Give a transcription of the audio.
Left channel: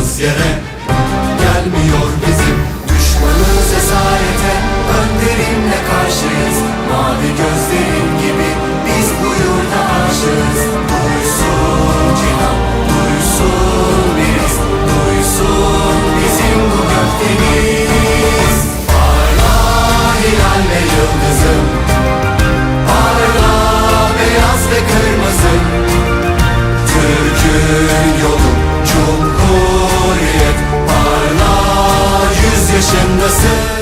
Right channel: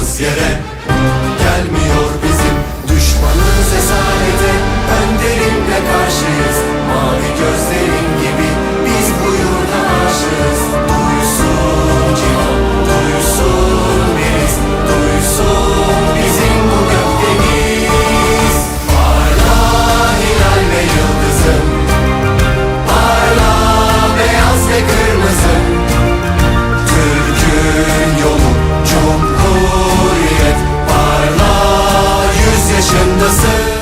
ayağımız yere gelmiyor bizim. Düşmanız esarete, önderimle karşıyız. Mavi gözlerin gibi biz bu yurda aşığız. Duysun cihan, duysun biriz, duysun bizim bu gökdeniz. Parla hilal ve yıldızım, parla beyaz ve kırmızım. Türk'ün yolu cumhuriyet, parla 100 yaşındasın.